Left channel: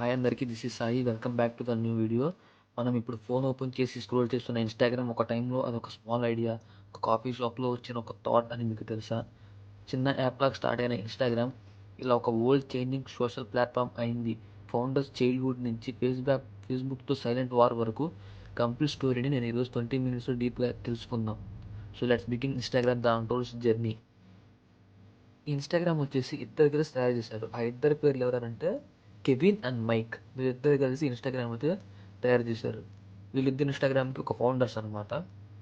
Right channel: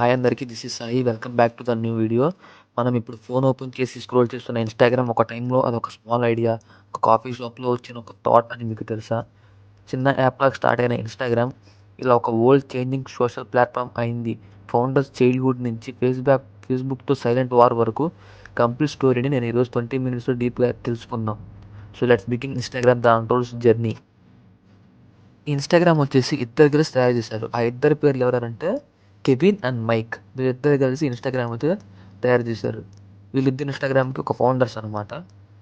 Hi అందరికీ. This is Sai. Welcome back to the new video. మనం ఇప్పుడు ఫోన్ ఓపెన్ చేసి స్క్రోల్ చేస్తున్న ఇన్‌స్టాగ్రామ్ ఒక టైంలో అదొక స్మాల్ ఐడియా, ఒక కాఫీ షాప్‌లో వచ్చిన ఒక థాట్ అని మీకు తెలుసా? చిన్న యాప్‌లాగా స్టార్ట్ అయిన ఇన్‌స్టాగ్రామ్ ఇలా ఒక వరల్డ్ చేంజింగ్ సోషల్ ప్లాట్‌ఫార్మ్ అయింది. ఫౌండర్స్ చైల్డ్‌హుడ్ నుంచి ఫేస్‌బుక్‌తో సైలెంట్ వార్ వరకు కంప్లీట్ స్టోరీని నేను ఈరోజు 20 మినిట్స్‌లో డీప్‌గా తెలుసుకుందాం. So let's begin Instagram the untold journey. Instagram వచ్చేసి ఇద్దరు కలిసి తయారు చేశారు. ఆ ఇద్దరి పేర్లు ఎవరెవరంటే కెవిన్ అండ్ మైక్. వీళ్ళిద్దరు కలిసి ఇన్‌స్టాగ్రామ్ అయితే తయారు చేశారు. వీళ్ళిద్దరు ఇన్‌స్టాగ్రామ్‌కి ఒక ఫౌండర్స్ అనమాట.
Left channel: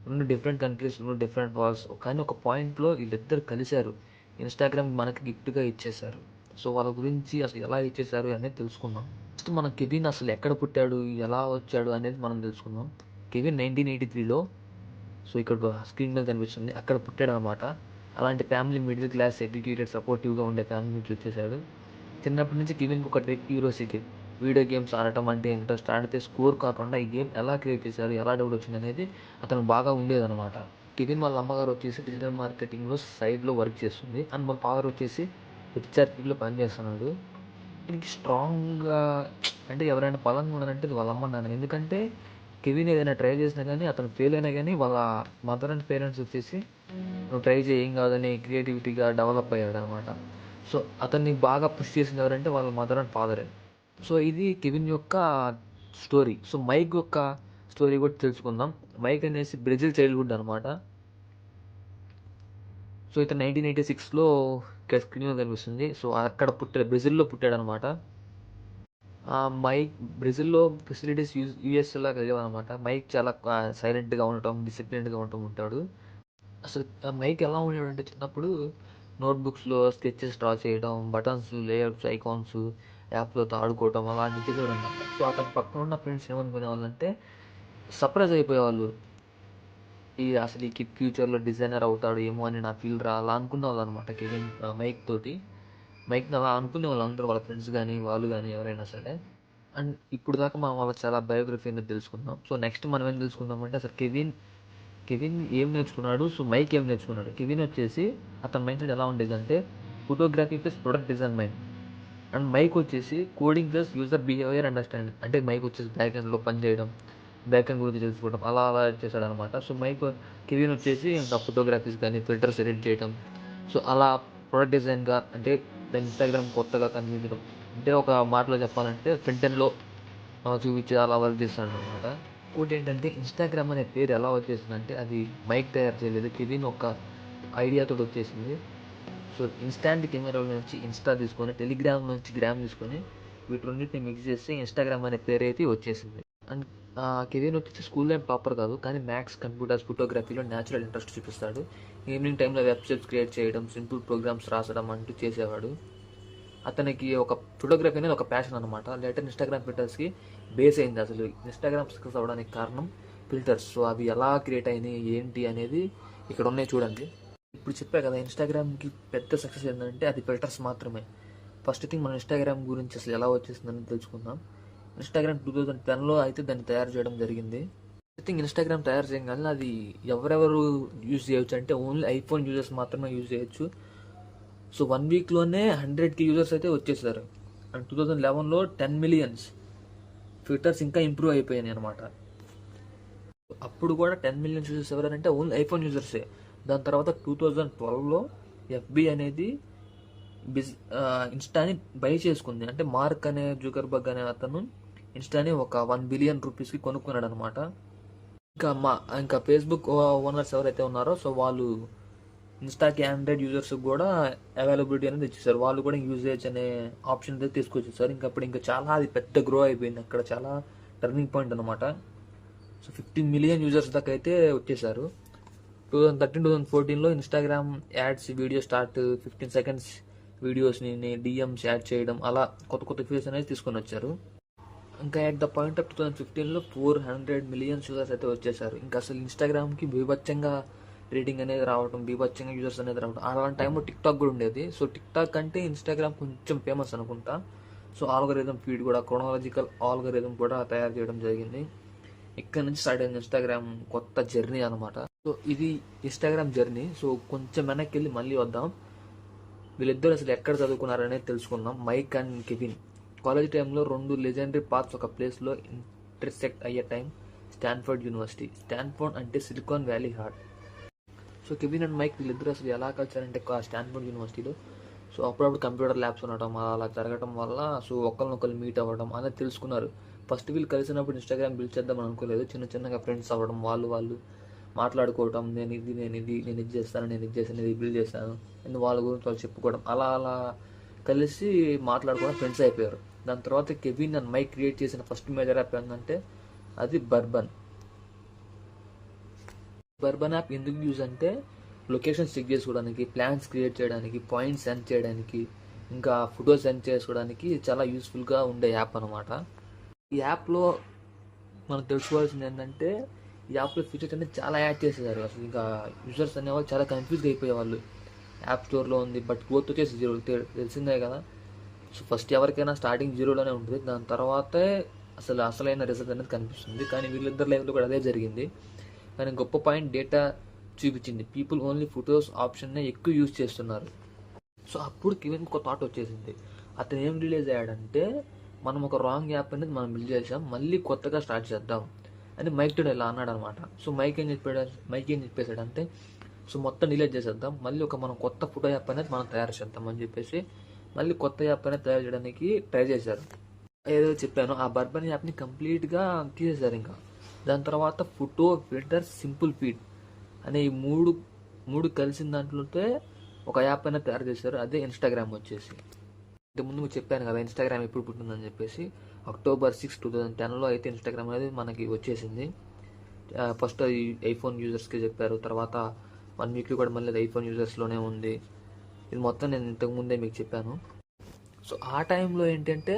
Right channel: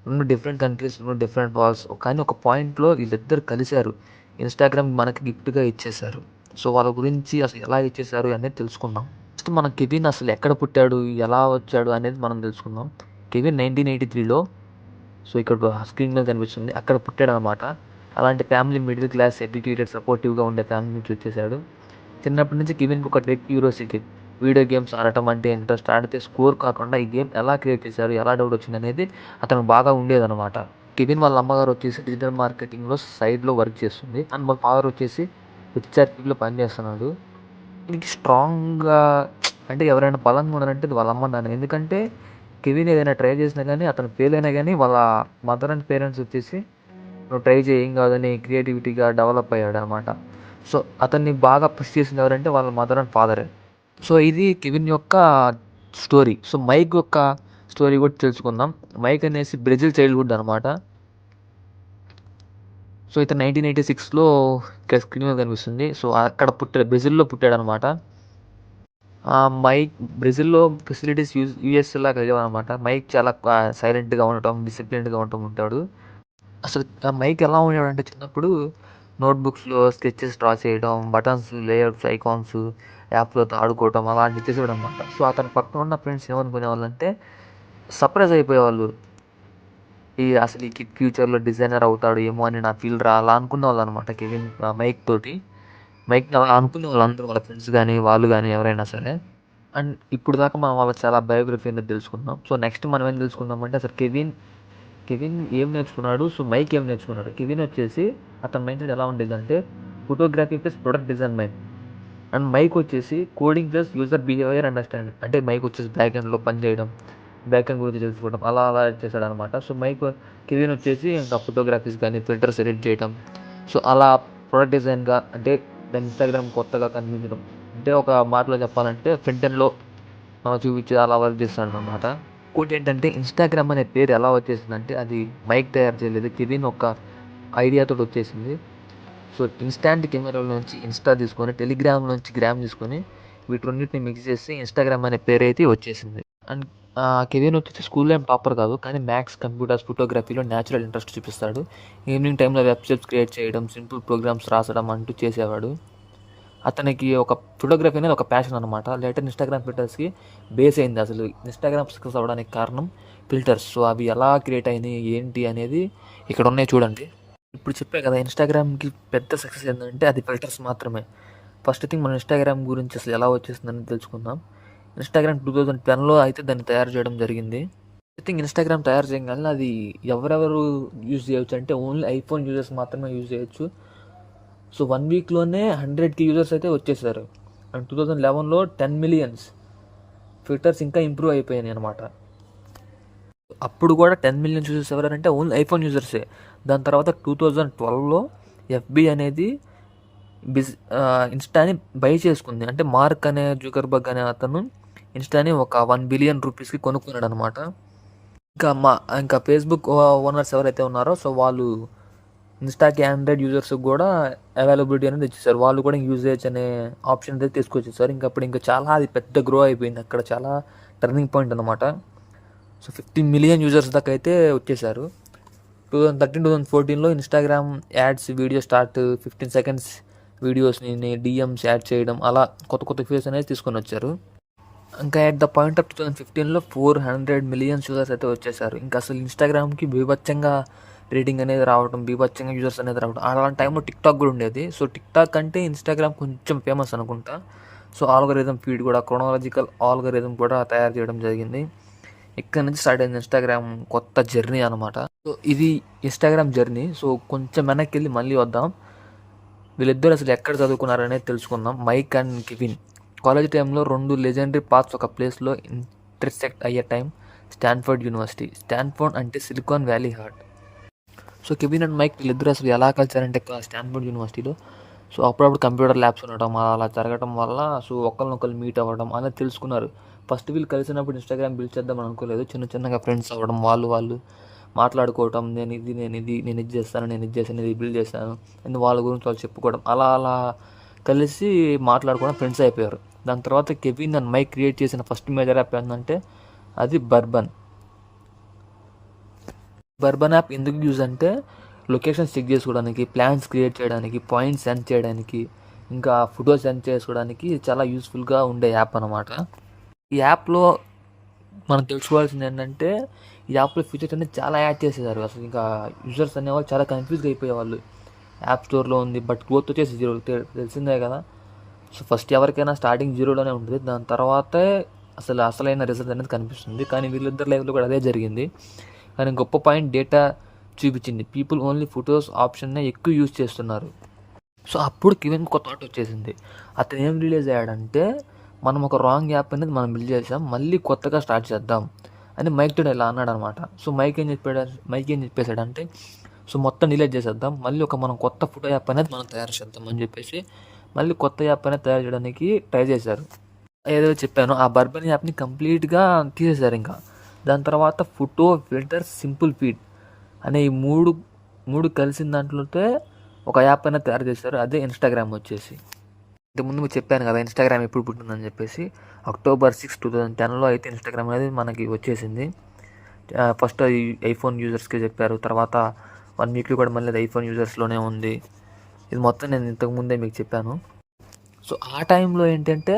2 డిఫరెంట్ కంట్రీస్, 2 డిఫరెంట్ వాల్స్. కానీ ఒక పాయింట్‌లో వీళ్ళిద్దరు కలిసారు. ఇన్‌స్టాగ్రామ్ మనకి గిఫ్ట్‌గా ఇచ్చేశారు. సో వాళ్ళ గురించి అసలు ఎలా ఇచ్చేశారు అనేది తెలుసుకుందాం. ఫస్ట్ మనం కెవిన్ అసలు ఎక్కడ పుట్టాడు, ఎలా వచ్చాడు అనేది మనం తెలుసుకుందాం. కెవిన్ 1983లో సో ఇక్కడ స్క్రీన్ మీద కనిపిస్తుంది. అక్కడ పుట్టాడనమాట. అలాంటి ఫ్యామిలీ మిడిల్ క్లాస్, ఎడ్యుకేటెడ్, సపోర్టివ్‌గా ఉండే ఫ్యామిలీ నుంచి వచ్చేసాడు. చిన్నప్పటి నుంచి కెవిన్‌కి ఒక టెక్ క్యూరియాసిటీ. వీడియో గేమ్స్ ఆడటం అంటే ఇంట్రెస్ట్. ఆడితే స్కోర్ కాకుండా ఈ గేమ్ ఎలా క్రియేట్ చేశారు, ఎలా డెవలప్ వచ్చిందనేది అతనికి బాగా ఉండేదనమాట. కెవిన్ వాళ్ళ అమ్మగారు వచ్చేసి డిజిటల్ మార్కెటింగ్‌లో సైడ్‌లో వర్క్ చేస్తుంది. అండ్ వాళ్ళ ఫాదర్ వచ్చేసి హెచ్ఆర్‌పీలో పనిచేస్తున్నాడు. దీనికి స్ట్రాంగ్‌గా అంటే ఎవరైనా బలంగా ఉన్నారంటే అది వాళ్ళ అమ్మ, నాన్న. ఎందుకంటే కెవిన్ ఏదైనా ట్రై చేసినా గానీ, అతను ఫెయిల్ అయినా గానీ వాళ్ళ మదర్ అండ్ పేరెంట్స్ వచ్చేసి "నువ్వు ట్రై చెయ్యి, ఏం కాదని" క్రియేటివిటీగా డెవలప్ అయ్యాడనమాట. సో, అతన్ని బాగా పుష్ చేసింది ఎవరంటే వాళ్ళ మదర్ అండ్ ఫాదరే. సో, ఇది కెవిన్ యొక్క స్టోరీ. సో, మైక్ యొక్క స్టోరీ కూడా తెలుసుకుందాం. మైక్ అనేసి బ్రెజిల్ చైల్డ్‌హుడ్ అనమాట. సో, ఇతను 1986లో ఇక్కడ స్క్రీన్ మీద కనిపిస్తుంది. సో, అక్కడ బ్రెజిల్‌లో పుట్టాడనమాట. మైక్ బ్రెజిల్‌లో ఫెసిలిటీస్ యూఎస్‌లాగా లేవనమాట. మైక్ చాలా సైలెంట్‌గా ఉండటం, డిసిప్లిన్డ్‌గా ఉండటం ఉంటాడు. అసలు మైక్ ఎలా ఉండేవాడంటే చిన్నప్పుడు నోట్‌బుక్స్‌లో స్కెచెస్ డ్రా చేయడం, బటన్స్, లేఅవుట్స్, ఐకాన్స్, యాప్‌లతో ఆడుకోవడం అలాంటివి చేసేవాడనమాట. సో, అతని పక్కన ఉన్న ఫ్రెండ్స్ ఏమనుకునేవాళ్ళంటే సర్ప్రైజ్ అయిపోయేవాళ్ళు. అసలు ఈ కిడ్ ఫ్యూచర్‌లో డిజైనర్ అవుతాడు ఏమో అని నా ఫీల్ రా అలా అనుకునేవాళ్ళనమాట మైక్ తోటి. మైక్ అలా అనుకునేవాళ్ళు అందరూ వాళ్ళ ఫ్రెండ్స్ గానీ, వాళ్ళు గానీ ఎవరైనా సరే. అండ్ ఇప్పుడు దాకా మనం వాళ్ళ చాలా బయోగ్రఫీ అనేది తెలుసుకున్నాం. సో, నెక్స్ట్ మనం ఏం తెలుసుకుందామంటే అసలు కెవిన్ ఏం నేర్చుకున్నాడు? సో, మైక్ ఏం నేర్చుకున్నాడు? కెవిన్ వచ్చేసి అతని మైండ్‌సెట్ ఎలా ఉండేదంటే photography plus product design mind. And Mike వచ్చేసి coding plus user behaviour understanding. అంటే మైక్ వచ్చేసి బ్యాక్ ఎండ్‌లో పని చేయడం, బ్యాక్ ఎండ్ గురించి తెలుసుకోవడం అలా అలా చేశాడనమాట. సో, కెవిన్ వచ్చేసి ఇంకా ఫోటోగ్రఫీస్ కానీ, ఫిల్టర్స్ ఎడిట్ చేయడం. సో, అలా ప్రొడక్ట్ డిజైన్‌గా అంటే దాని ఇన్‌స్టాగ్రామ్ కొత్తగా కనిపించడం. అంటే ఒక మాటలో చెప్పాలంటే ఫ్రంట్ ఎండ్‌లో చూపించి అలా వర్క్ చేస్తాడనమాట. ఇంకోటేంటంటే ఇన్‌స్టాగ్రామ్ అనే పేరు ఎలా వచ్చేసిందంటే అది మైక్ తయారు చేయలేదు. కెవిన్ ఒక ఐడియాతోటి వచ్చేసింది. సో, ఇన్‌స్టాంట్ కెమెరాల నుంచి ఇన్‌స్టా తీసుకొని, టెలిగ్రామ్ నుంచి గ్రామ్ తీసుకొని వీటి రెండిటిని మిక్స్ చేసి ఇన్‌స్టాగ్రామ్ అనే పేరైతే వచ్చేసింది. అండ్ కెవిన్ వచ్చేసి స్కూల్‌లో ఏం టాపర్ కాదు. కానీ మ్యాథ్స్, కంప్యూటర్స్, ఫోటోగ్రఫీలో నేచురల్ ఇంట్రెస్ట్ చూపిస్తాడు. ఈవినింగ్ టైమ్‌లో వెబ్‌సైట్స్ క్రియేట్ చేయడం, సింపుల్ ప్రోగ్రామ్స్ రాసడం అంటూ చేసేవాడు. అతనికి ఒక ఫోటోగ్రఫీ అనేది ఒక ప్యాషన్ అనమాట. లేటర్ ఇన్‌స్టాగ్రామ్ ఫిల్టర్స్‌కి బేస్ అయింది. అసలు ఇన్‌స్టాగ్రామ్ సక్సెస్ అవ్వడానికి కారణం ఫిల్టర్స్. సో, అవి ఎలా క్రియేట్ అయినాయి, ఏంటి అనేది ఇక్కడ ఉన్నాయి చూడండి. ఇప్పుడు చెప్పా కదా ఇన్‌స్టాగ్రామ్‌కి పెద్ద సక్సెస్ ఏంటంటే అది ఫిల్టర్స్ మాత్రమే. ఫస్ట్ థింగ్ మనం ఇన్‌స్టాగ్రామ్ గురించి అసలు ఎలా వచ్చేసిందని తెలుసుకుందాం. ఇన్‌స్టాగ్రామ్ 2010లో అయితే దాన్ని తయారు చేయడం జరిగింది. ఐ థింక్ ఇన్‌స్టాగ్రామ్ తయారు చేయంగానే అది ఎవరెవరు యూజ్ చేయొచ్చు అంటే ఓన్లీ ఐఫోన్ యూజర్స్ మాత్రమే యూజ్ చేయొచ్చు. సో, 1 వీక్‌లోనే 100,000 యూజర్స్ అయితే వచ్చేసారు. అండ్ 2011లో 10 మిలియన్స్. ఫిల్టర్స్ ఇంకా ఇంప్రూవ్ అయిపోయినాయి అనమాట. అప్పుడు కూడా 10 మిలియన్స్ యూజర్స్ ఎవరంటే ఓన్లీ ఐఫోన్ యూజర్సే. దాని తర్వాత 2012లో ఎఫ్‌బి అనేది ఇన్‌స్టాని బై చేసుకుంది. అంటే మార్క్ అనే జుకర్బర్గ్ అనే అతను ఇన్‌స్టాని ఒక 1 బిలియన్ రూపీస్‌కి కొనుక్కున్నాడనమాట. ఇంకా ఇంకా ఫేస్‌బుక్ ఓనర్స్ ఎవరైతే ఉన్నారో సో, వాళ్ళు ఇన్‌స్టాకి ఆండ్రాయిడ్ యూజర్స్‌కి కూడా అవైలబిలిటీ అనేది ఇచ్చేసారు. వాళ్ళు కూడా యూజ్ చేయొచ్చు అనే ఆప్షన్ అయితే తీసుకొచ్చేసారు. అప్పుడు ఇంకా చాలా అది పెద్ద గ్రో అయిపోయింది. అక్కడ చాలా టర్నింగ్ పాయింట్ అనమాట. సో, 15 మిలియన్ యూజర్స్ దాకా అయితే వచ్చేసారు. 2014లో Instagram ads video start 15 seconds వీడియోస్‌ని డీఎమ్స్ యాడ్ చేయడం అలా కొత్త కొత్త ఫీచర్స్ అనేది తీసుకొని వచ్చారు. ఇంకా ఎట్ ద పాయింట్ ఆఫ్ 2015లో 400 మిలియన్ యూజర్స్ అయితే వచ్చేసారు. ఇంకా అసలు ఇన్‌స్టాగ్రామ్‌కి బీభత్సంగా రేటింగ్ అనేది రావడం, బీభత్సంగా యూజర్స్ అనేది రావడం. అలాంటి టైంలో టిక్‌టాక్ కూడా ఉండేది. సో, టిక్‌టాక్ కంటే ఇన్‌స్టాగ్రామ్ కొంచెం ఫేమస్ అనుకుంటా. సో, ఆల్గోరిథం ఫీడ్ కూడా క్రోనాలజికల్ ఆల్గోరిథం కూడా తయారు చేయడం జరిగింది. ఇక్కడ నుంచి స్టార్ట్ అయింది ఇన్‌స్టాగ్రామ్ కొత్త జర్నీ అనమాట. సో, ఇది ఇన్‌స్టాగ్రామ్ జర్నీ. సో, కొంచెం వెనక్కెళ్ళి మళ్ళీ వద్దాం. వీళ్ళిద్దరూ అసలు ఎక్కడ చదువుకున్నారనేది తెలుసుకుందాం. Mic and Kevin. కాలేజ్ టైంలో 2 లెజెండరీ పాత్స్ ఒక ప్లేస్లో ఇంటర్సెక్ట్ అయ్యే టైం స్టాన్ఫోర్డ్ యూనివర్సిటీ. స్టాన్ఫోర్డ్ అంటే silicon valley heart. So Kevin and Mike వీళ్ళిద్దరూ అసలు ఎలా కలిసారంటే స్టాన్ఫోర్డ్ యూనివర్సిటీలో. సో అప్పుడప్పుడు కంప్యూటర్ ల్యాబ్స్ ఉండటం అలా జరగడం వల్ల సో ఒకరినొకరు మీట్ అవ్వడం అలా తెలుసుకున్నారు. ఫస్ట్ వీళ్ళు కలిసినప్పుడు ఇన్స్టాగ్రామ్ బిల్డ్ చేద్దాం అనుకోలేదు. చిన్న చిన్నగా ఫ్రెండ్స్ అవ్వడం, వాళ్ళు మాట్లాడుకోవటం, నేను ఇది చేస్తాను, నేను ఇది చేశాను, ఇది బిల్డ్ చేశాను అని వాళ్ళ గురించి వాళ్ళు చెప్పుకోవడం, అలా కలిసి మాట్లాడుకోవడం ఫ్రెండ్స్ అయిపోయారు. దాని తర్వాత కెవిన్ అండ్ మైక్ క్రియేట్ చేసిన ఫస్ట్ మేజర్ యాప్ ఏంటంటే అది బర్బన్ యాప్. ఎందుకు యూజ్ అంటే లొకేషన్స్ చెక్ చేసుకోవడానికి, ప్లాన్స్ క్రియేట్ చేయడానికి, పాయింట్స్ సెండ్ చేయడానికి, ఇంకా ఫొటోస్ సెండ్ చేసుకోవడానికి చాలా యూస్ఫుల్గా ఉండే యాప్ అనమాట. ఈ యాప్లో మనం తెలుసుకోవాల్సింది ఏంటంటే ఈ యాప్లో ఫీచర్స్ అనేది చాలా యాడ్ చేసేసారు. అసలు ఇంకా యూజర్స్ అనేవాళ్ళు చాలా కన్ఫ్యూజ్గా అయిపోయేవాళ్ళు. యాప్ స్టోర్లో ఉంది బట్ గ్రోత్ వచ్చేసి 0 తెలిసిందే కదా. సో ఫస్ట్ ఎవరికైనా స్టార్టింగ్ 0లోనే ఉంటుంది. దాని తర్వాతే అసలైన రిజల్ట్ అనేది కనిపిస్తుంది. కానీ వీళ్ళిద్దరు లైఫ్లో కూడా అదే జరిగింది. కానీ గొప్ప పాయింట్ డేటా చూపించింది. పీపుల్ ఓన్లీ ఫొటోస్ ఆప్షన్నే ఎక్కువ యూజ్ చేస్తున్నారు. సో అప్పుడు కెవిన్కి ఒక థాట్ వచ్చేసింది. అతను ఏం రిలీజ్ అయ్యాడంటే మనం ఒక రాంగ్ యాప్ అనేది మనం బిల్డ్ చేసాం, మళ్ళీ కొత్తగా స్టార్ట్ చేద్దాం అని మైక్ తో ఇలా అన్నాడు అనమాట. సో మైక్ ఏం చెప్పేశాడంటే సో మొత్తం డిలీట్ చేసేద్దాం, మళ్ళీ మనం కొత్త ఫోటో యాప్ అనేది మనం తయారు చేద్దాం అని చెప్పేసి మళ్ళీ కొత్త యాప్ అనేది తయారు చేయడానికి ట్రై చేశారు. ఏదో చెప్పాను ఆ బర్బన్ యాప్ని కంప్లీట్గా తీసేశారు. ఇంకా దాని తర్వాత ఫోటో, ఫిల్టర్, సింపుల్ ఫీడ్ అనే ఈ మూడు కలిసిన దాంట్లోతే ఒక యాప్ అనేది తయారు చేశారు. అదే ఇన్స్టాగ్రామ్ వచ్చేసి. ఇంతకుముందు మీకు చెప్పాను కదా ఇన్స్టాగ్రామ్ ఎప్పుడు పుట్టిందని చెప్పేసి. October 6, 2010లో అయితే ఇన్స్టాగ్రామ్ అనేది మనకి వచ్చేసింది. ఫస్ట్ అది ఐఫోన్ యూజర్స్కి చెప్పారు. తర్వాత 1 వీక్లో కూడా మళ్ళీ అది ఐఫోన్ యూజర్స్లోనే ఉంది. ఇది మొత్తం నేను ఇంతకుముందే మీకు చెప్పాను. సో ఆ టైంలో ఏంటంటే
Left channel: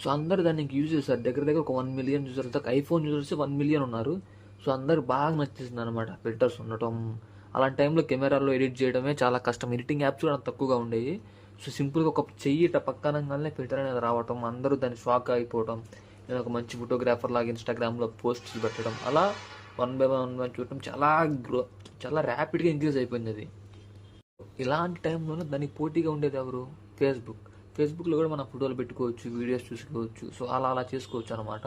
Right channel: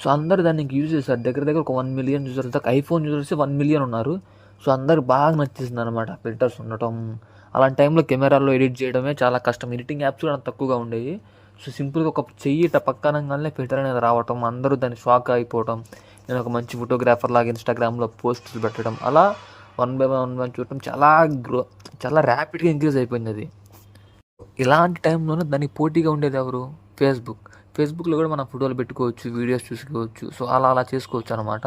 సో అందరూ దాన్ని యూజ్ చేశారు. దగ్గర ఒక 1 మిలియన్ యూజర్స్ దాకా. ఐఫోన్ యూజర్స్ 1 మిలియన్ ఉన్నారు. సో అందరికి బాగా నచ్చేసింది అనమాట ఫిల్టర్స్ ఉండటం. అలాంటి టైంలో కెమెరాలో ఎడిట్ చేయడమే చాలా కష్టం. ఎడిటింగ్ యాప్స్ కూడా తక్కువగా ఉండేవి. సో సింపుల్గా ఒక చెయ్యి పక్కనగానే ఫిల్టర్ అనేది రావటం, అందరూ దాన్ని షాక్ అయిపోవటం, నేను ఒక మంచి ఫోటోగ్రాఫర్ లాగా ఇన్స్టాగ్రామ్లో పోస్ట్స్ పెట్టడం, అలా 1 బై 1 చూడటం చాలా ర్యాపిడ్గా ఇంక్రీజ్ అయిపోయింది అది. ఇలాంటి టైంలోనే దానికి పోటీగా ఉండేది ఎవరు? ఫేస్బుక్లో కూడా మనం ఫోటోలు పెట్టుకోవచ్చు, వీడియోస్ చూసుకోవచ్చు. సో అలా చేసుకోవచ్చు అనమాట.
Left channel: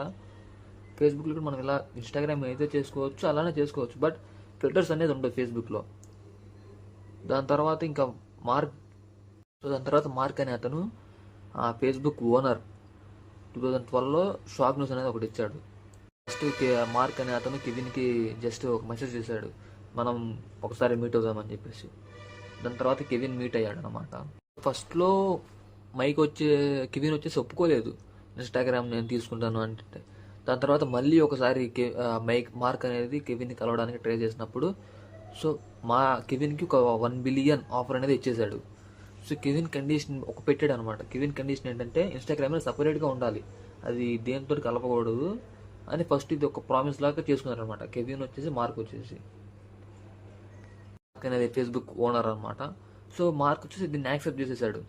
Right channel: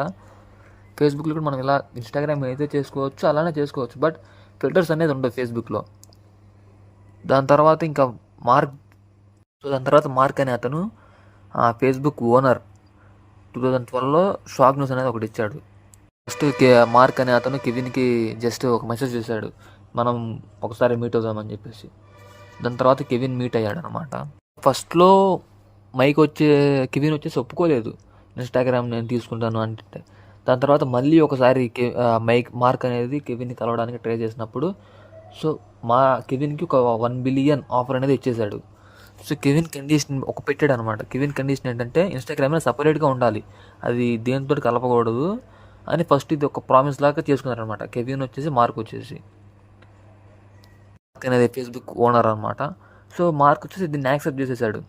ఫేస్బుక్లో కూడా మనం ఇలా ఇన్స్టాగ్రామ్ అయితే చేసుకోవచ్చు, అలానే చేసుకోవచ్చు. బట్ ఫిల్టర్స్ అనేది ఉండవు ఫేస్బుక్లో. దాని తర్వాత మార్క్ అనే అతను ఫేస్బుక్ ఓనర్ 2012లో షాక్ న్యూస్ అనేది ఒకటి ఇచ్చాడు. జస్ట్ మార్క్ అనే అతను కెవిన్కి జస్ట్ ఒక మెసేజ్ చేశాడు, మనం ఒకసారి మీట్ అవుదామని చెప్పేసి. దాని తర్వాత కెవిన్ మీట్ అయ్యాడు అనమాట. ఫస్ట్లో కెవిన్ వచ్చేసి ఒప్పుకోలేదు ఇన్స్టాగ్రామ్ నేను తీసుకుంటాను అంటే. దాని తర్వాత మళ్ళీ ఒకసారి మార్క్ అనేది కెవిన్ని కలవడానికి ట్రై చేసినప్పుడు సో కెవిన్కి ఒక 1 బిలియన్ ఆఫర్ అనేది ఇచ్చేశాడు. సో కెవిన్ కండిషన్ పెట్టాడు అనమాట. కెవిన్ కండిషన్ ఏంటంటే ఇన్స్టాగ్రామ్ సపరేట్గా ఉండాలి, అది దేనితో కలపకూడదు అని ఫస్ట్ ఇది ఒక ప్రామిస్ లాగా చేసుకున్నారనమాట. కెవిన్ వచ్చేసి మార్క్ అనేది ఫేస్బుక్ ఓనర్ అనమాట. సో మార్క్ వచ్చేసి దీన్ని యాక్సెప్ట్ చేసేసాడు.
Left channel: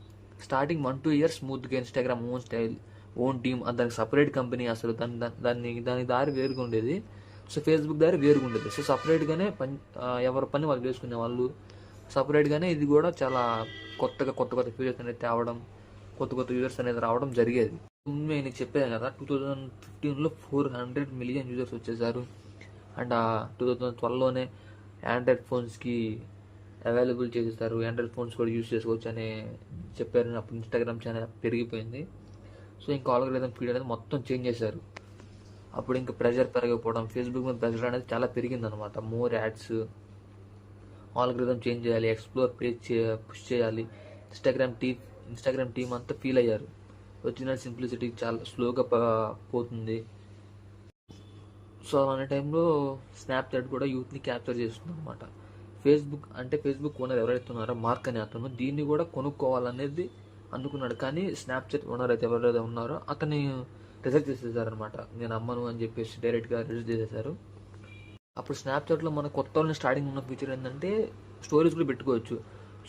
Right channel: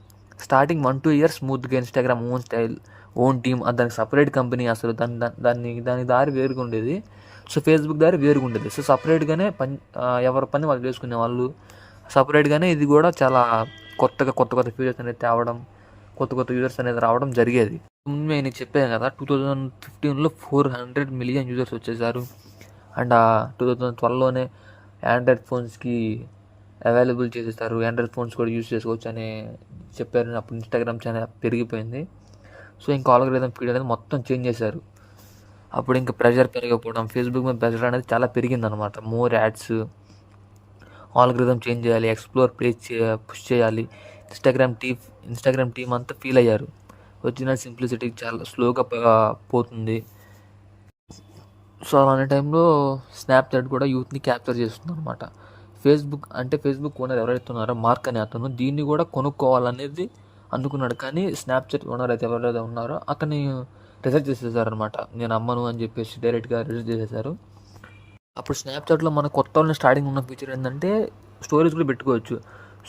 స్టార్టింగ్ 1-2 ఇయర్స్ స్మూత్గా Instagram own style, own team, దానికి సపరేట్ కంపెనీ. అసలు దాని దారి వేరుగా ఉండేది. సో ఫేస్బుక్ దారి వేరుగా ఉండేది. సో సపరేట్గానే ఎవరి పని వాళ్ళు చేసుకునే వాళ్ళు. సపరేట్గానే ఇది కూడా చాలా కొత్త ఫీచర్స్ అనేది తేవడం, కొత్త యూజర్స్ అనేది రావడం జరిగేది. ముందు నేను చెప్పాను కదా 2015లో 400 మిలియన్ యూజర్స్ వచ్చేసారు. అండ్ 2012లోనే ఆండ్రాయిడ్ ఫోన్స్కి అవైలబుల్ చేసేస్తారు, ఆండ్రాయిడ్ ఫోన్స్ కూడా యూజ్ చేసుకోవచ్చు అని చెప్పారు. అప్పుడు ఇన్స్టాగ్రామ్ చాలా పెరిగిపోయింది. సో ఇంకా ఆల్గోరిథం ఫీడ్ అనేది మొత్తం చేంజ్ చేశారు. అప్పుడు ఇంకా ప్రెషర్ పెరగకపోవడం, ఫేస్బుక్ మీద ప్రెషర్ అనేది చాలా పెరిగిందనమాట. మోర్ యాడ్స్, ఆల్గోరిథం చేంజ్ చేయాలి, ఎక్స్ప్లోర్ పుష్ చేయాలి. ఇన్స్టాగ్రామ్ టీమ్ అంతా ఫీల్ అయ్యారు, ఒరిజినల్ సింప్లిసిటీ చాలా స్లోగా పోతుంది. సో అలాంటి టైంలో స్నాప్చాట్ కూడా యూత్ని క్యాప్చర్ చేస్తుంది అనమాట. ఫేస్బుక్ ఓనర్ ఎవరైతే ఉన్నారో మార్క్ అనే అతను దీన్ని కూడా కొనుక్కోవాలనేది అనుకున్నాడు. కానీ స్నాప్చాట్ ఓనర్ అయితే ఎవరైతే ఉన్నారో అతన్ని రిజెక్ట్ చేసేసారనమాట. నేను అమ్మను అని చెప్పేసి డైరెక్ట్గా రిజెక్ట్ చేసేసారు. అప్పుడు స్నాప్చాట్లో మన కొత్త వాళ్ళని స్టార్టింగ్ ఉన్న ఫీచర్ ఏంటంటే స్టోరీస్ కూడా పెట్టుకోవచ్చు.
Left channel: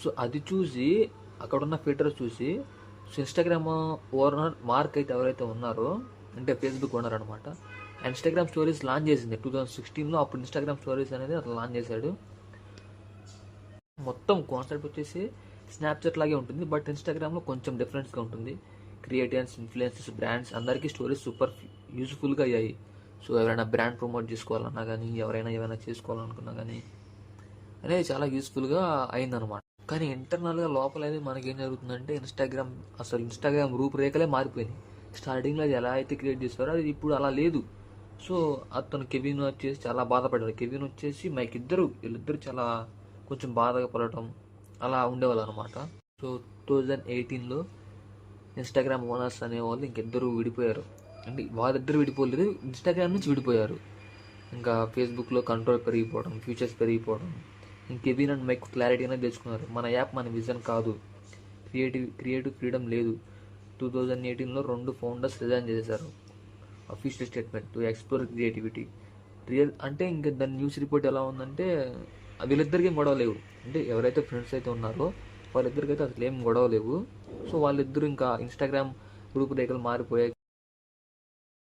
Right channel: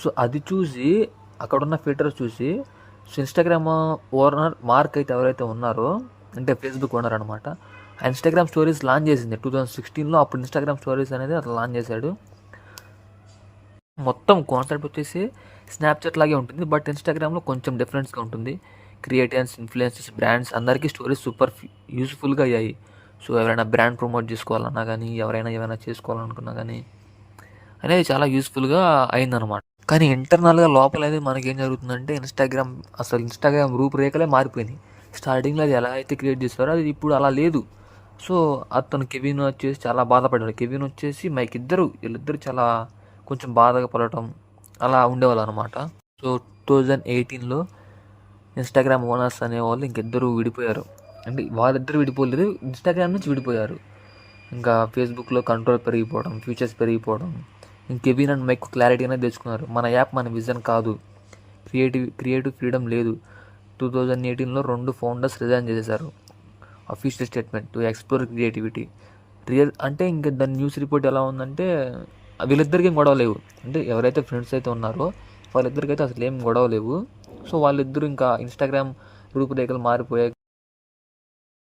సో అది చూసి అక్కడున్న ఫిల్టర్స్ చూసి ఇన్స్టాగ్రామ్ ఓనర్ మార్క్ అయితే ఎవరైతే ఉన్నారో అంటే ఫేస్బుక్ ఓనర్ అనమాట, ఇన్స్టాగ్రామ్ స్టోరీస్ లాంచ్ చేసింది 2016లో. అప్పుడు ఇన్స్టాగ్రామ్ స్టోరీస్ అనేది అట్లా లాంచ్ చేశాడు. మొత్తం కాన్సెప్ట్ వచ్చేసి స్నాప్చాట్ లాగే ఉంటుంది, బట్ ఇన్స్టాగ్రామ్లో కొంచెం డిఫరెన్స్గా ఉంటుంది. క్రియేటర్స్, ఇన్ఫ్లుయెన్సర్స్, బ్రాండ్స్ అందరికీ స్టోరీస్ సూపర్ యూస్ఫుల్గా అయ్యాయి. సో ఎవరైనా బ్రాండ్ ప్రమోట్ చేసుకోవాలన్నా కానీ, ఎవరైనా ఏమైనా చేసుకోవాలనుకున్నా కానీ అనేది చాలా యూస్ఫుల్గా అయిందనమాట. కానీ ఇంటర్నల్గా లోపల అయితే మనకేం జరుగుతుందంటే ఇన్స్టాగ్రామ్ రూపురేఖలే మారిపోయినాయి. స్టార్టింగ్లో అది ఎలా అయితే క్రియేట్ చేస్తారో అది ఇప్పుడు అలా లేదు. సో అతను కెవిన్ వచ్చేసి చాలా బాధపడ్డాడు. కెవిన్ వచ్చేసి మైక్ వీళ్ళిద్దరు చాలా కొంచెం బాధగా పడటం అలా ఉండేవాళ్ళు అనమాట. సో 2018లో ఇన్స్టాగ్రామ్ ఓనర్స్ అనేవాళ్ళు ఇంకిద్దరు విడిపోయారు. అంటే వాళ్ళిద్దరు విడిపోలేదు, ఇన్స్టాగ్రామ్ నుంచి విడిపోయారు. ఇంకా ఫేస్బుక్లో కంట్రోల్ పెరిగిపోవడం, ఫీచర్స్ పెరిగిపోవడం, కెవిన్ అండ్ మైక్ క్లారిటీ అనేది తెచ్చుకున్నారు. మన యాప్ మన విజన్ కాదు, క్రియేటివ్ ఫ్రీడమ్ లేదు. 2018లో 2 ఫౌండర్స్ రిజైన్ చేసేశారు. Official statement to explore creativity. అంటే ఇంకా దాని న్యూస్ రిపోర్ట్ ఎలా ఉందంటే వీళ్ళిద్దరికి ఏం గొడవ లేవు. అంటే ఎవరైతే ఫ్రెండ్స్ అయితే ఉన్నారో వాళ్ళిద్దరికైతే అసలు ఏం గొడవ లేవు. సో వాళ్ళిద్దరూ ఇంకా ఇన్స్టాగ్రామ్ రూపురేఖలు మారిపోయాయి.